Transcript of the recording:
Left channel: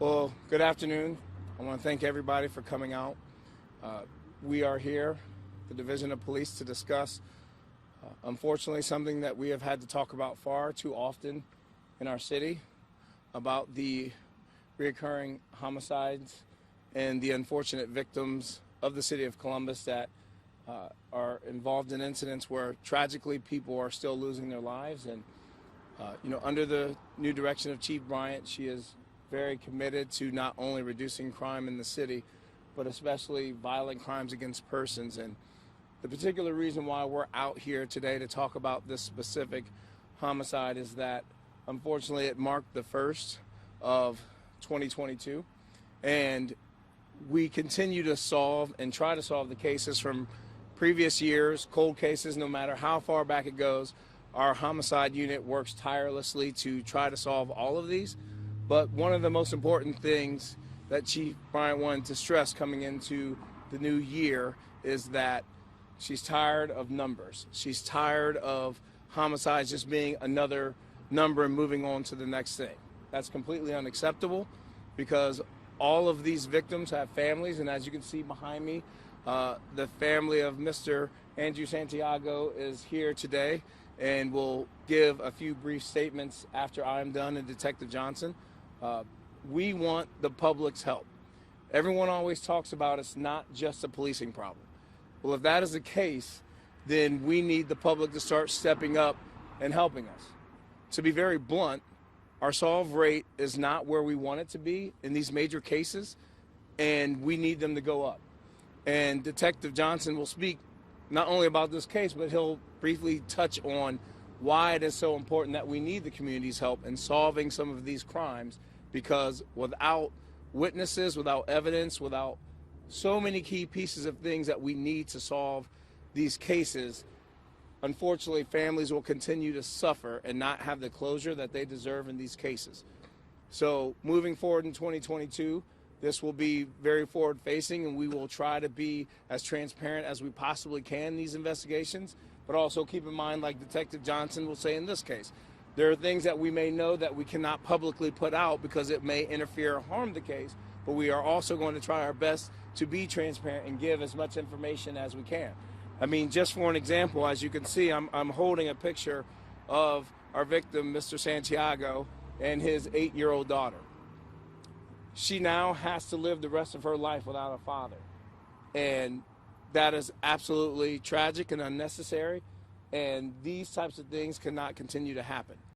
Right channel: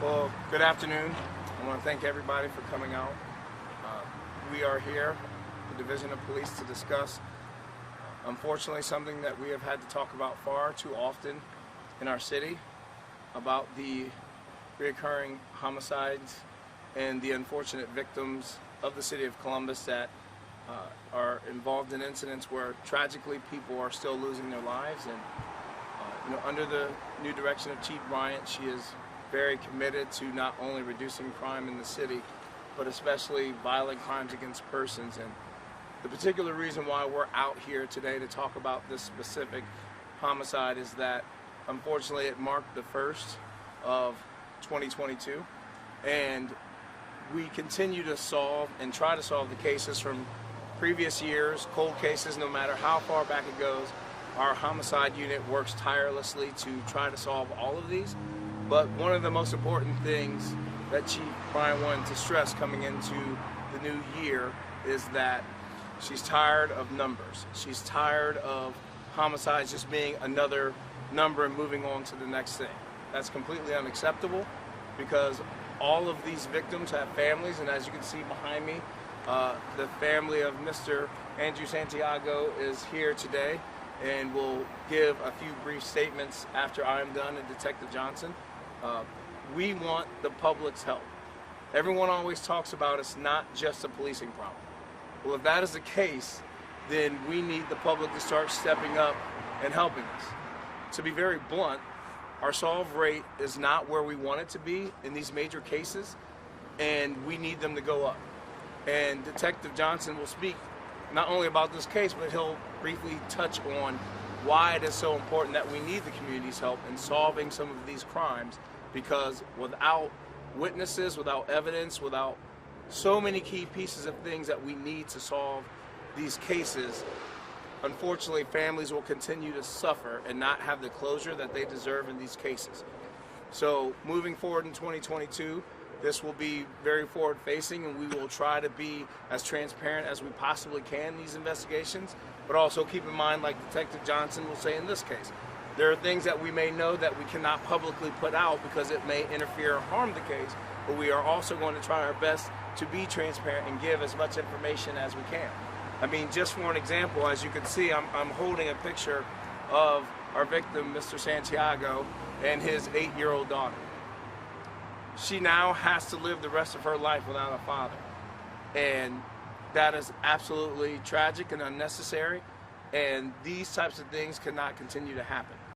Well, good afternoon. I want to thank everybody for coming out. We are here, the Division of Police, to discuss, unfortunately, something that we have had to talk about far too often in our city, about the reoccurring homicides and the unfortunate victims of the city of Columbus that are involved in incidents where tragically people are still losing their lives. And under the new direction of Chief Bryant, she is very committed to not only reducing crime in the city, but especially violent crimes against persons. And the particular reason why we're out here today to talk about this specific homicide is that, unfortunately, it marked the first of 2022, and we continue to solve and try to solve the cases from previous years, cold cases, no matter how far back it goes. Our homicide unit works tirelessly to try to solve all of these. But one of the most important things that Chief Bryant wanted to stress coming into the new year is that she's tired of numbers. She's tired of homicides just being another number and moving on to the next thing. That's completely unacceptable, because all of these victims have families, and as you can see behind me, the family of Mr. Andrew Santiago is here today and will give a few brief statements after I'm done, and Detective Johnson. We want the public's help. Everyone always talks about it's not just a policing problem. Well, if that is the case, then we need the public to start stepping up and helping us. To be very blunt, our solve rate is not where we want it to be in these major cases, and we need them to go up. And Detective Johnson will speak not only about this case, but he'll briefly touch on why it is so important that we need the community's help in solving some of these crimes, because without witnesses, without evidence, without so many key pieces of things that we need to solve these cases, unfortunately, families will continue to suffer and not have the closure that they deserve in these cases. So moving forward in 2022, this will be very forward-facing, and we will try to be as transparent as we possibly can in these investigations. But also keep in mind, like Detective Johnson will say in this case, there are things that we may know that we cannot publicly put out because it may interfere or harm the case, but we are also going to try our best to be transparent and give as much information as we can. I mean, just for an example, as you can see, I'm holding a picture of our victim, Mr. Santiago, and his 8-year-old daughter. She now has to live the rest of her life without a father. And that is absolutely tragic and unnecessary. And these types of things cannot continue to happen.